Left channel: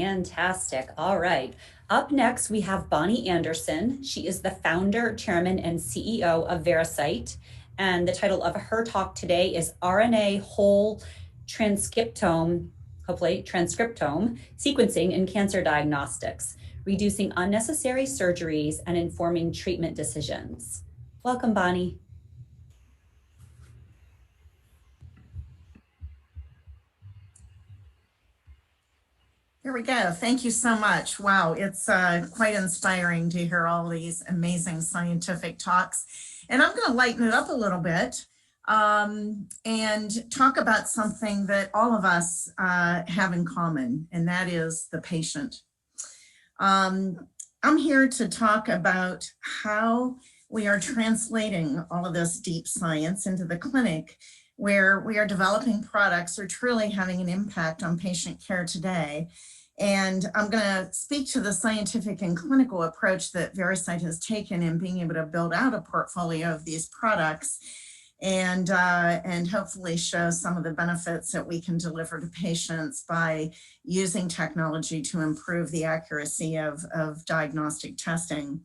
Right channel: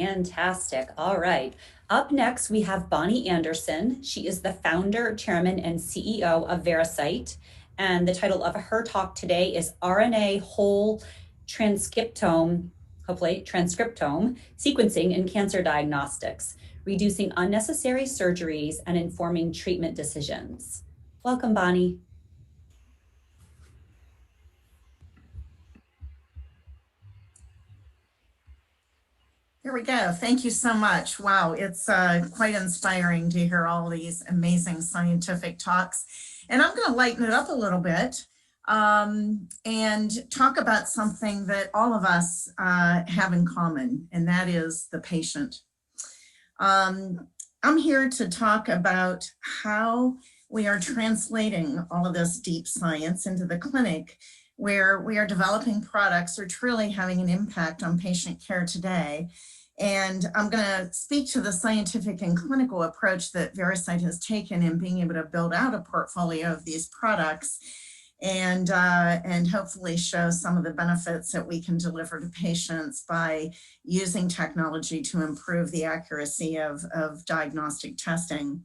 Fantastic. All right. Up next, we have Bonnie Anderson. She is the founder, chairman, and CEO of Veracyte. And the title of her talk today is RNA Whole Transcriptome, hopefully, Transcriptome Sequencing in Cancer Diagnostics, Reducing Unnecessary Surgeries and Informing Treatment Decisions. Welcome, Bonnie. Here we go. Thank you so much. Wow, it's quite inspiring to hear all these amazing scientific talks. And I'm going to lighten it up a little bit and talk about something that all of us have in common, and that is the patient. I'm here to talk about how we are translating all of this deep science into the clinic, where we are developing products that are truly having an impact on patient care today. And I'm going to speak to the scientific and clinical approach that Veracyte has taken in being able to build out a portfolio of these products and hopefully show some of the benefits that we can deliver to patients by using technology to improve the accuracy of diagnostic testing.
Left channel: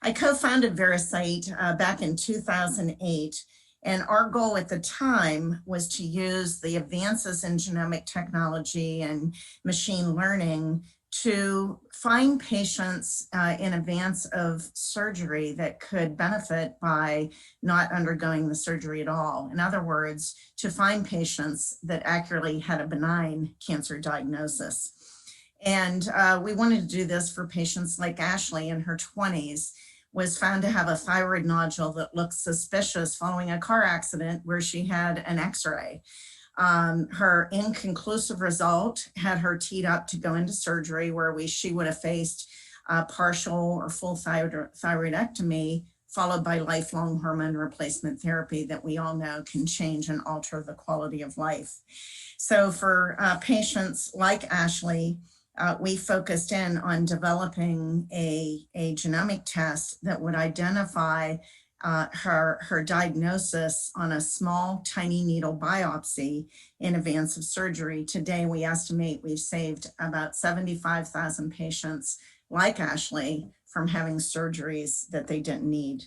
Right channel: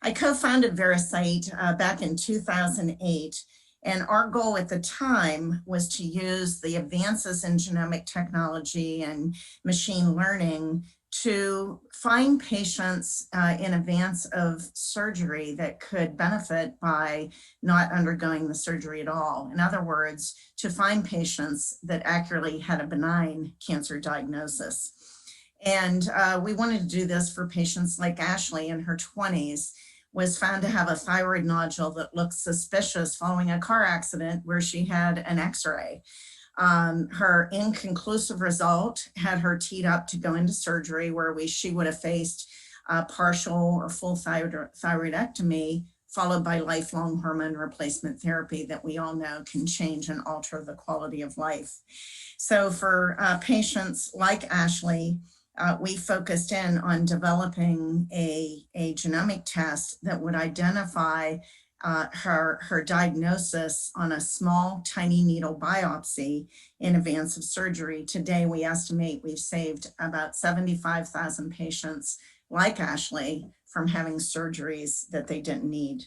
I co-founded Veracyte back in 2008. And our goal at the time was to use the advances in genomic technology and machine learning to find patients in advance of surgery that could benefit by not undergoing the surgery at all. In other words, to find patients that accurately had a benign cancer diagnosis. And we wanted to do this for patients like Ashley in her 20s, was found to have a thyroid nodule that looked suspicious following a car accident where she had an x-ray. Her inconclusive result had her teed up to go into surgery where she would have faced partial or full thyroidectomy followed by lifelong hormone replacement therapy that we all know can change and alter the quality of life. So for patients like Ashley, we focused in on developing a genomic test that would identify her diagnosis on a small, tiny needle biopsy in advance of surgery. Today, we estimate we've saved about 75,000 patients like Ashley from having surgeries that they didn't need.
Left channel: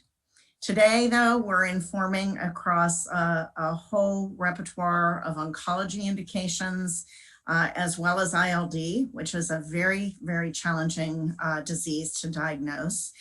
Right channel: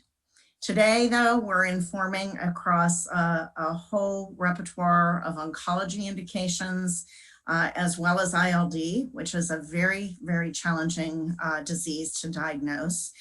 Today, though, we're informing across a whole repertoire of oncology indications, as well as ILD, which is a very, very challenging disease to diagnose.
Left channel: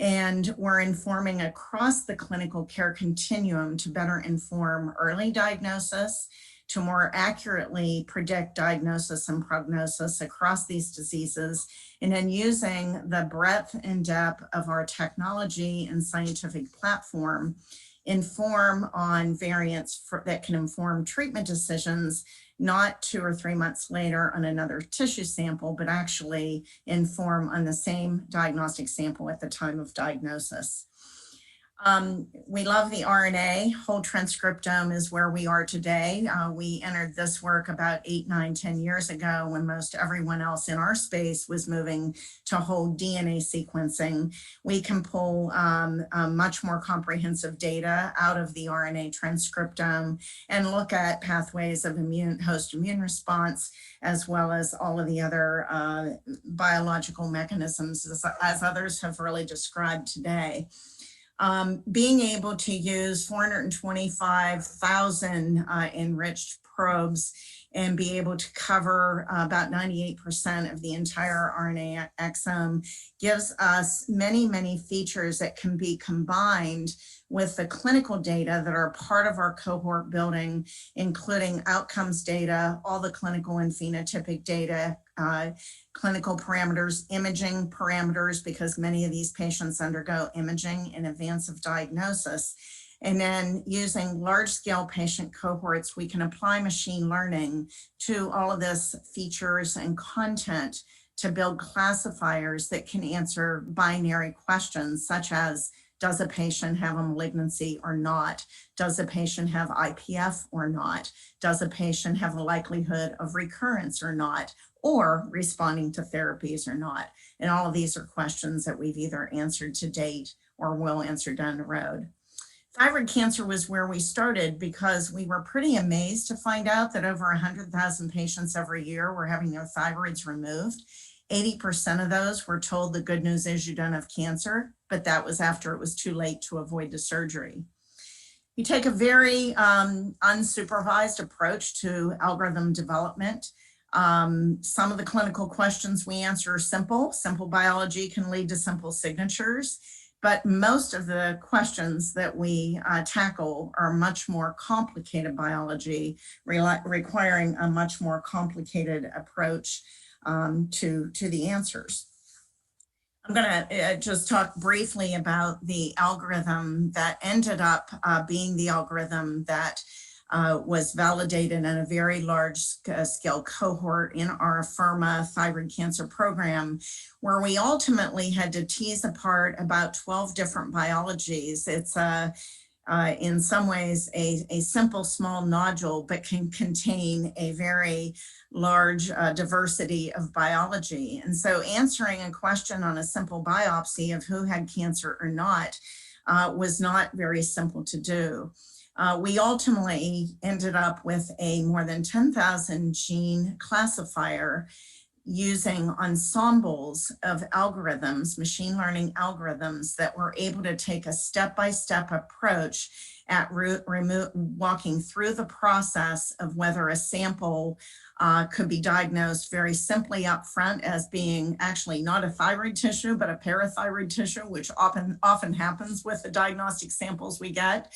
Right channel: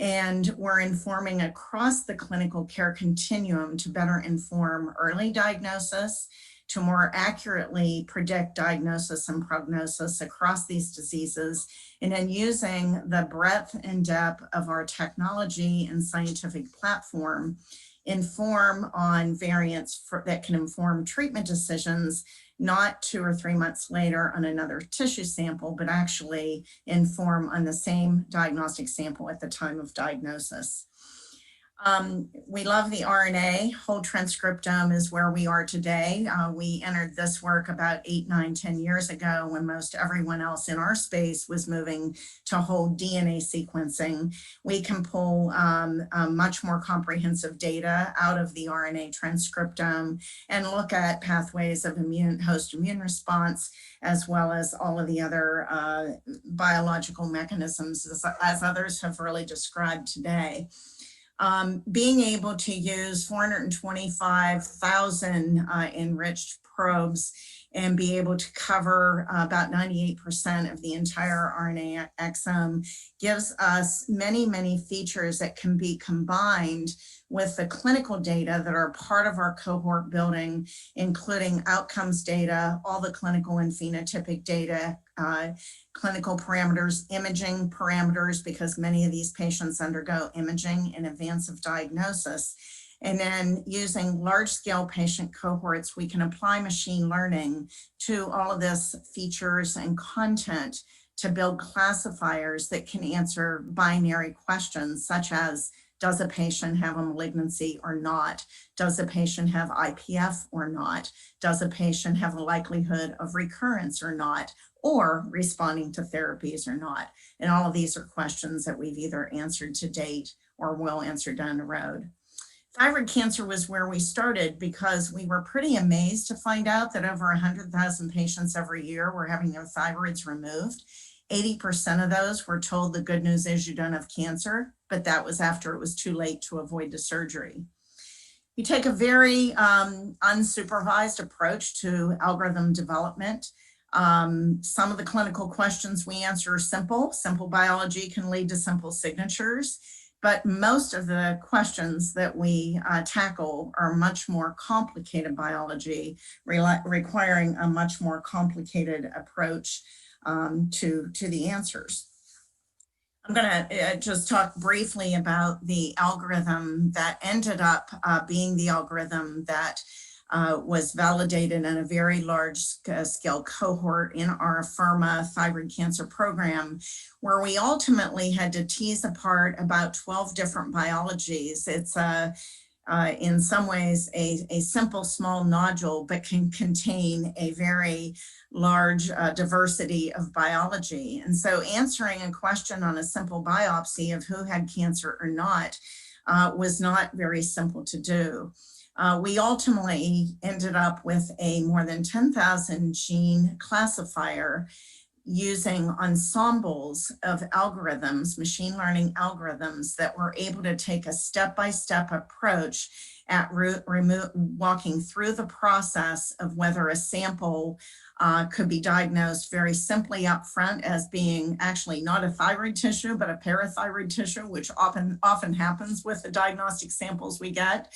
And we're informing across the clinical care continuum to better inform early diagnosis, to more accurately predict diagnosis and prognosis across these diseases, and then using the breadth and depth of our technology and scientific platform, inform on variants that can inform treatment decisions, not 2 or 3 months later on another tissue sample, but actually inform on the same diagnostic sample at the time of diagnosis. We love the RNA Whole-Transcriptome is where we are today. We entered this work about 8, 9, 10 years ago when most everyone else in our space was moving to whole DNA sequencing. We can pull much more comprehensive data out of the RNA transcriptome and look at pathways of host immune response, as well as all of the other biological mechanisms as others have really described today. Being able to use 425,000 enriched probes and be able to cover about 98% of the entire RNA exome gives us many, many features that can be combined with the clinical data that are part of our cohort building, including outcomes data, all the clinical and phenotypic data, clinical parameters, imaging parameters, because many of these patients undergo imaging in advance of diagnosis. And then using large-scale patient cohorts, we can apply machine learning to all of this features and content to build classifiers that can answer binary questions such as, does a patient have a malignancy or not? Does a patient have IPF or not? Does a patient have a likelihood of recurrence or not? Or responding to therapies or not? And all of these are questions that we've either answered to date or will answer down the road. Thyroid cancer was where we started because we were pretty amazed to find out that over 100,000 patients every year were having their thyroids removed. 80% of those were told the good news is you don't have cancer, but that was after it was too late to avoid the surgery. You take a very unsupervised approach to algorithm development. Some of the clinical questions we answer are simple. Simple biology can lead to simple signatures, but most of the questions that we tackle are much more complicated biology, requiring a much more complicated approach to the answers. I'm going to just talk briefly about the algorithm that ended up being the algorithm that was validated in a very large scale cohort in our Afirma thyroid cancer program, where we ultimately had to tease apart about 12 different biologies. It's in some ways a simple small nodule, but can contain a very large diversity of biology. And so answering a question on a simple biopsy of who had cancer or not was not very simple to do. We ultimately ended up with a more than 10,000 gene classifier using ensembles of algorithms, machine learning algorithms that were able to take a step-by-step approach at walking through the process of whether a sample could be diagnosed very simply up front as being actually not a thyroid tissue, but a parathyroid tissue, which often happens with the diagnostic samples we get.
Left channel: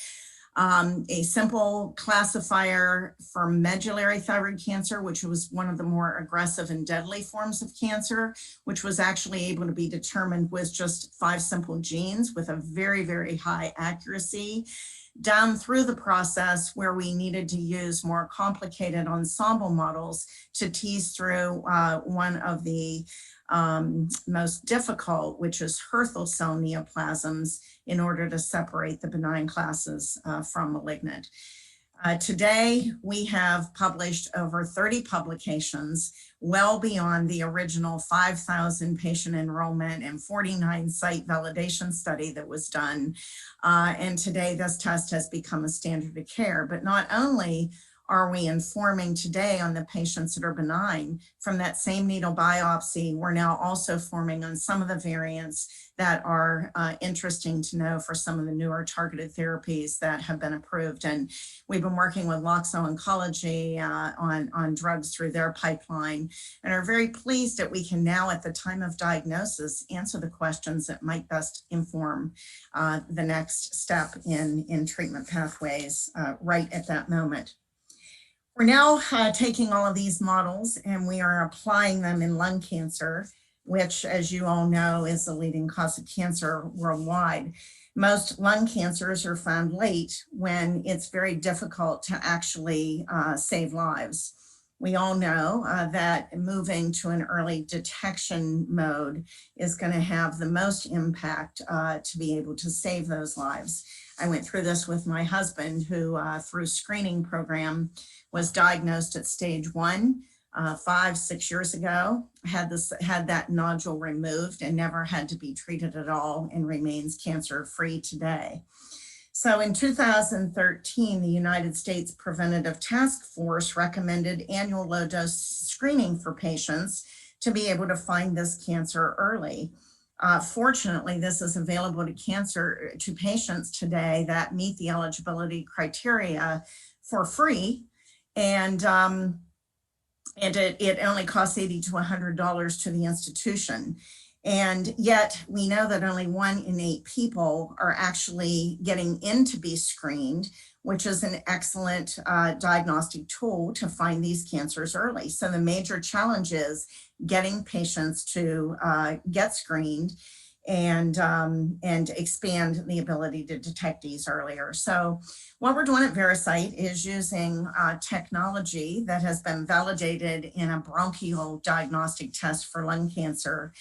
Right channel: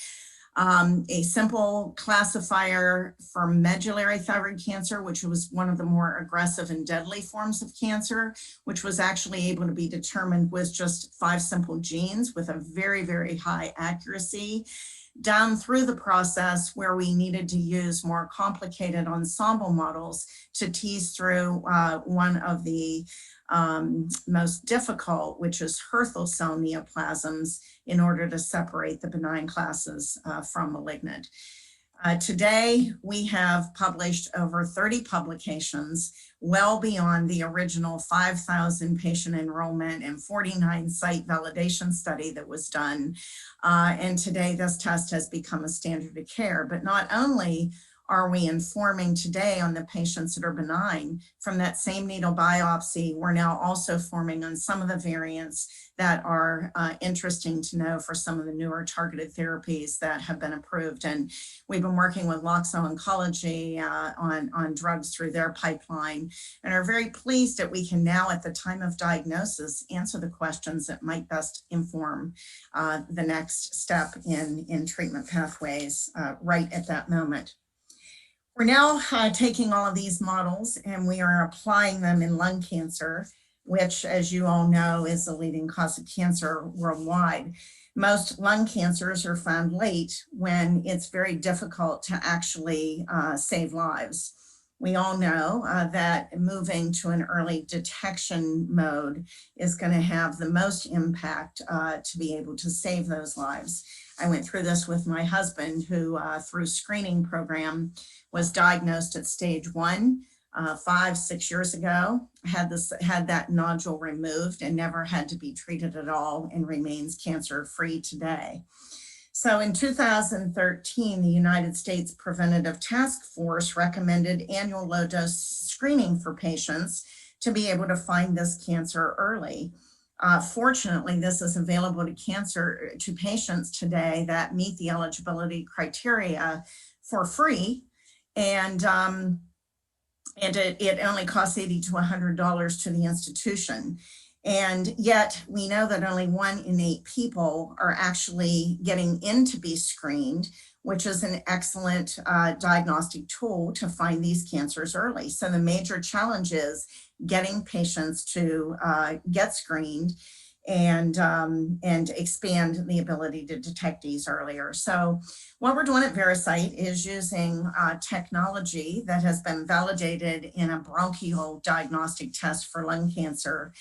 A simple classifier for medullary thyroid cancer, which was one of the more aggressive and deadly forms of cancer, which was actually able to be determined with just 5 simple genes with a very, very high accuracy, down through the process where we needed to use more complicated ensemble models to tease through one of the most difficult, which is Hürthle cell neoplasms, in order to separate the benign classes from malignant. Today, we have published over 30 publications, well beyond the original 5,000 patient enrollment and 49 site validation study that was done. And today, this test has become a standard of care. But not only are we informing today on the patients that are benign from that same needle biopsy, we're now also forming on some of the variants that are interesting to know for some of the newer targeted therapies that have been approved. And we've been working with Loxo Oncology on drugs through their pipeline, and are very pleased that we can now, at the time of diagnosis, answer the questions that might best inform the next step in treatment pathways right at that moment. We're now taking all of these models and we are applying them in lung cancer, which, as you all know, is the leading cause of cancer worldwide. Most lung cancers are found late when it's very difficult to actually save lives. We all know that moving to an early detection mode is going to have the most impact to be able to save those lives. I went through this with my husband, who through screening program was diagnosed at stage 1 5-6 years ago, had that nodule removed and never had to be treated at all, and remains cancer-free today. So in 2013, the United States Preventative Task Force recommended annual low-dose screening for patients to be able to find this cancer early. Fortunately, this is available to patients today that meet the eligibility criteria for free, and it only costs $80 to $100 to the institution. And yet we know that only 1 in 8 people are actually getting in to be screened, which is an excellent diagnostic tool to find these cancers early. So the major challenge is getting patients to get screened and expand the ability to detect these earlier. So what we're doing at Veracyte is using technology that has been validated in a bronchial diagnostic test for lung cancer,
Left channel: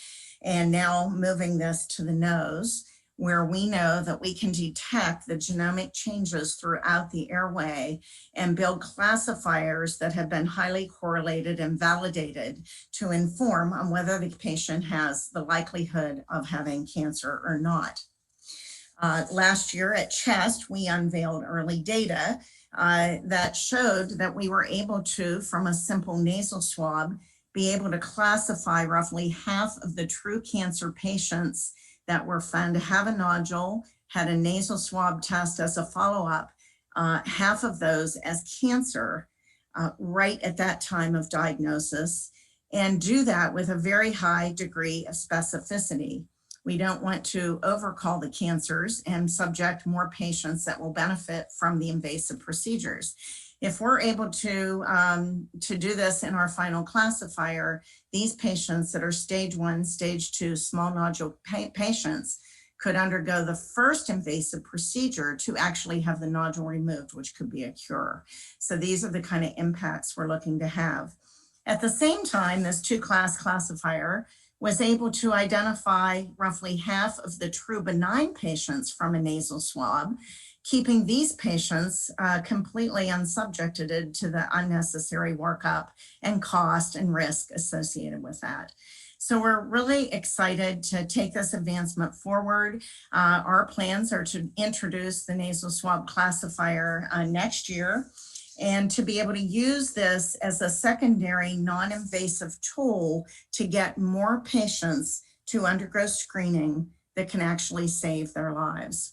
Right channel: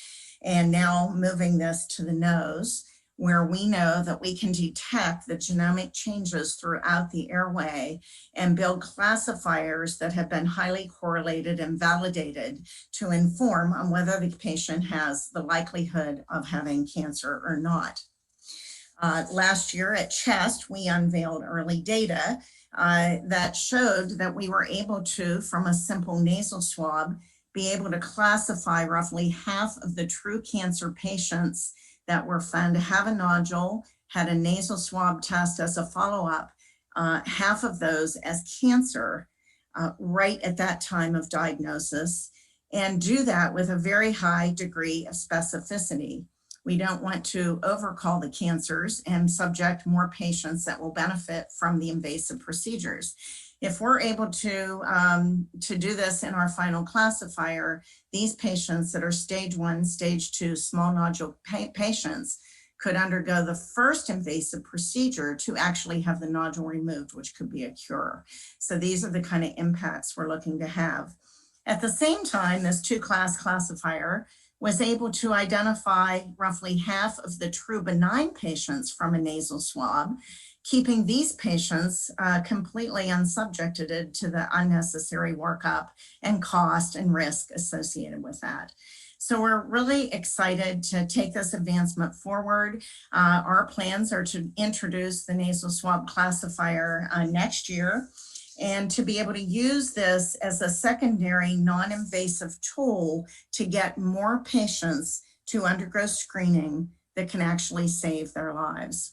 and now moving this to the nose, where we know that we can detect the genomic changes throughout the airway and build classifiers that have been highly correlated and validated to inform on whether the patient has the likelihood of having cancer or not. Last year at CHEST, we unveiled early data that showed that we were able to, from a simple nasal swab, be able to classify roughly half of the true cancer patients that were found to have a nodule, had a nasal swab test as a follow-up, half of those as cancer right at that time of diagnosis, and do that with a very high degree of specificity. We don't want to overcall the cancers and subject more patients that will benefit from the invasive procedures. If we're able to do this in our final classifier, these patients that are stage 1, stage 2 small nodule patients could undergo the first invasive procedure to actually have the nodule removed, which could be a cure. So these are the kind of impacts we're looking to have. At the same time, this 2-class classifier was able to identify roughly half of the true benign patients from a nasal swab, keeping these patients completely unsubjected to the unnecessary workup and cost and risk associated with that. So we're really excited to take this advancement forward. Our plans are to introduce the nasal swab classifier next year, and to be able to use this as a secondary non-invasive tool to get more patients to undergo screening that can actually save their lives.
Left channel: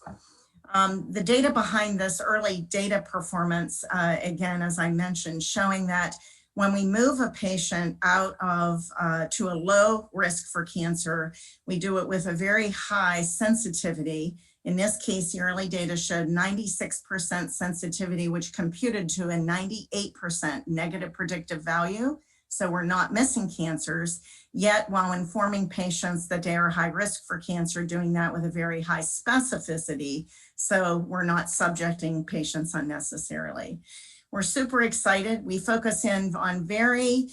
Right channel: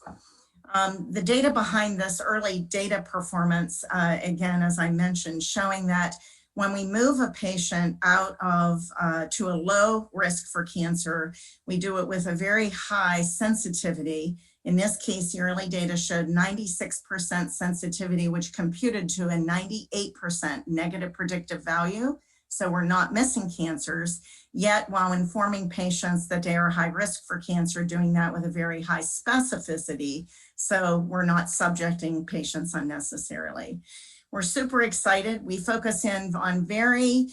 The data behind this early data performance, again, as I mentioned, showing that when we move a patient out of to a low risk for cancer, we do it with a very high sensitivity. In this case, the early data showed 96% sensitivity, which computed to a 98% negative predictive value. So we're not missing cancers, yet while informing patients that they are high risk for cancer, doing that with a very high specificity. So we're not subjecting patients unnecessarily. We're super excited. We focus in on very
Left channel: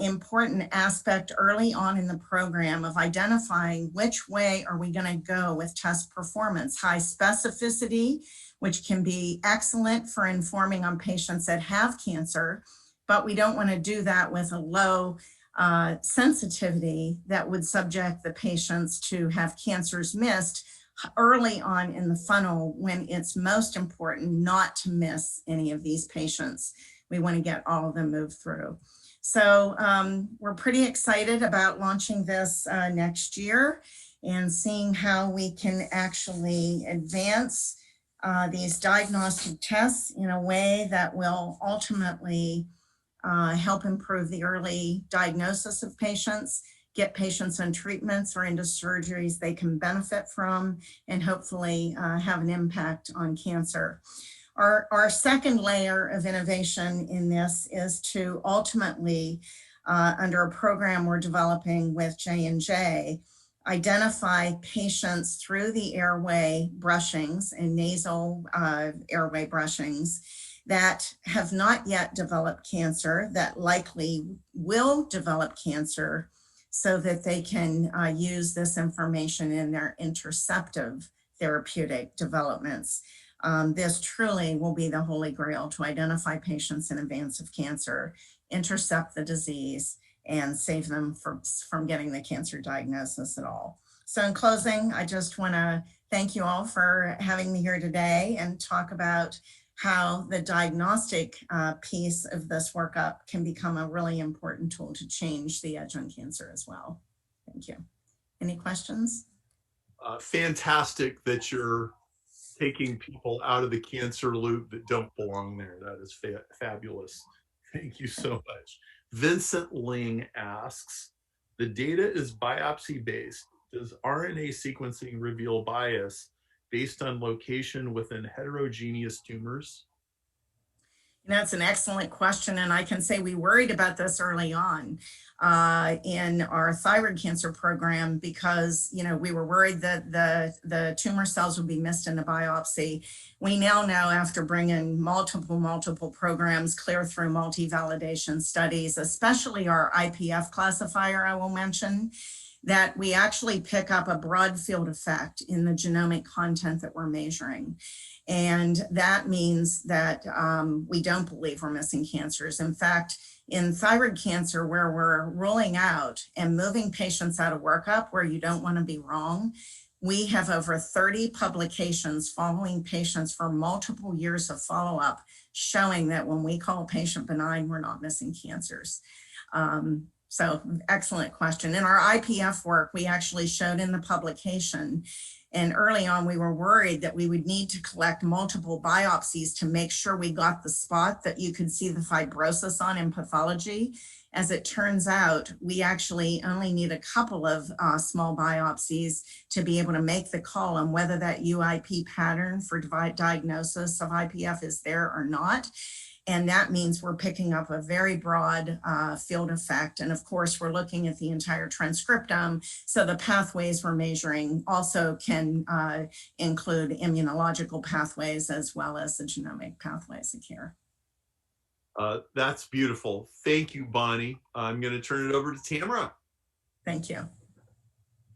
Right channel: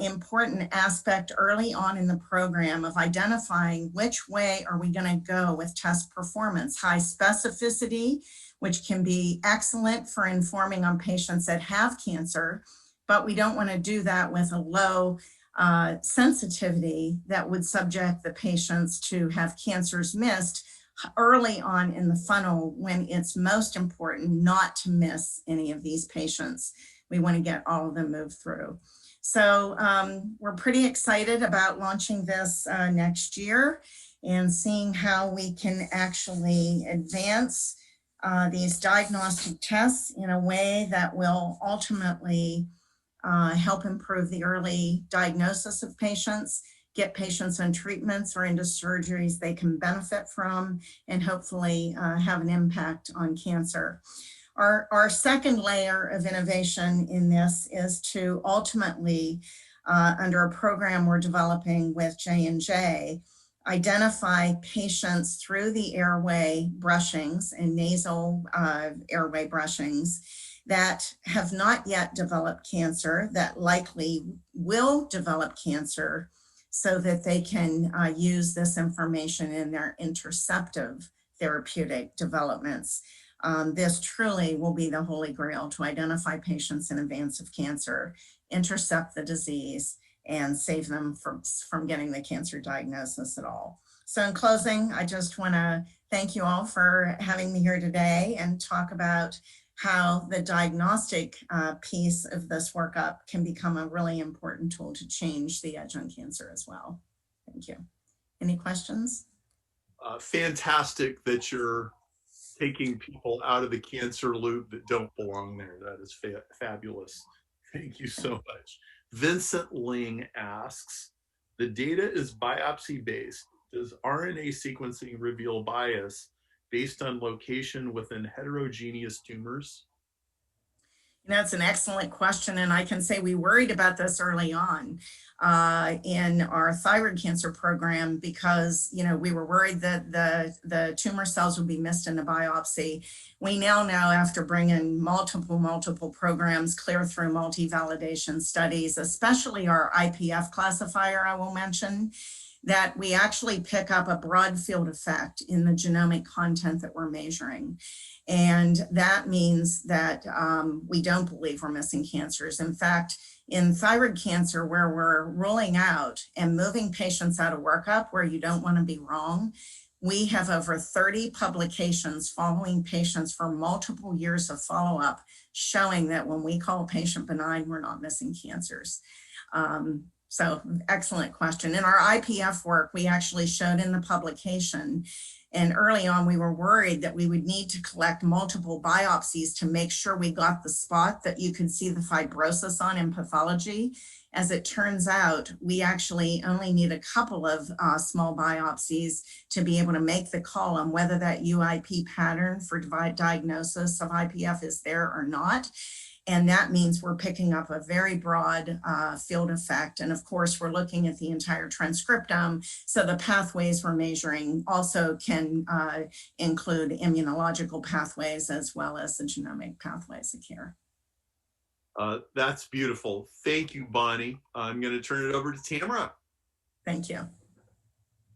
important aspect early on in the program of identifying which way are we going to go with test performance. High specificity, which can be excellent for informing on patients that have cancer, but we don't want to do that with a low sensitivity that would subject the patients to have cancers missed early on in the funnel when it's most important not to miss any of these patients. We want to get all of them moved through. So we're pretty excited about launching this next year and seeing how we can actually advance these diagnostic tests in a way that will ultimately help improve the early diagnosis of patients, get patients on treatments or into surgeries they can benefit from, and hopefully have an impact on cancer. Our second layer of innovation in this is to ultimately, under a program we're developing with J&J, identify patients through the airway brushings and nasal airway brushings that have not yet developed cancer, that likely will develop cancer, so that they can use this information in their interceptive therapeutic developments. This truly will be the holy grail to identify patients in advance of cancer, intercept the disease, and save them from getting the cancer diagnosis at all. So in closing, I just want to thank you all for having me here today and talk about how the diagnostic piece of this workup can become a really important tool to change the edge on cancer as well. Thank you. Any questions? Fantastic that you're taking people out of the cancer loop that don't belong there. That is fabulous. Thank you so much. Vincent Ling asks, the data is biopsy based. Does RNA sequencing reveal bias based on location within heterogeneous tumors? That's an excellent question, and I can say we worried about this early on in our thyroid cancer program because we were worried that the tumor cells would be missed in the biopsy. We now know, after bringing multiple programs clear through multi-validation studies, especially our IPF classifier, I will mention, that we actually pick up a broad field effect in the genomic content that we're measuring. And that means that we don't believe we're missing cancers. In fact, in thyroid cancer, where we're ruling out and moving patients out of workup, where you don't want to be wrong, We have over 30 publications following patients for multiple years of follow-up, showing that when we call a patient benign, we're not missing cancers. So excellent question. In our IPF work, we actually showed in the publication, and early on we were worried that we would need to collect multiple biopsies to make sure we got the spot that you could see the fibrosis on in pathology. As it turns out, we actually only need a couple of small biopsies to be able to make the call on whether that UIP pattern for diagnosis of IPF is there or not. And that means we're picking up a very broad field effect. And of course, we're looking at the entire transcriptome. So the pathways we're measuring also can include immunological pathways as well as the genomic pathways of care. That's beautiful. Thank you, Bonnie. I'm going to turn it over to Tamara. Thank you.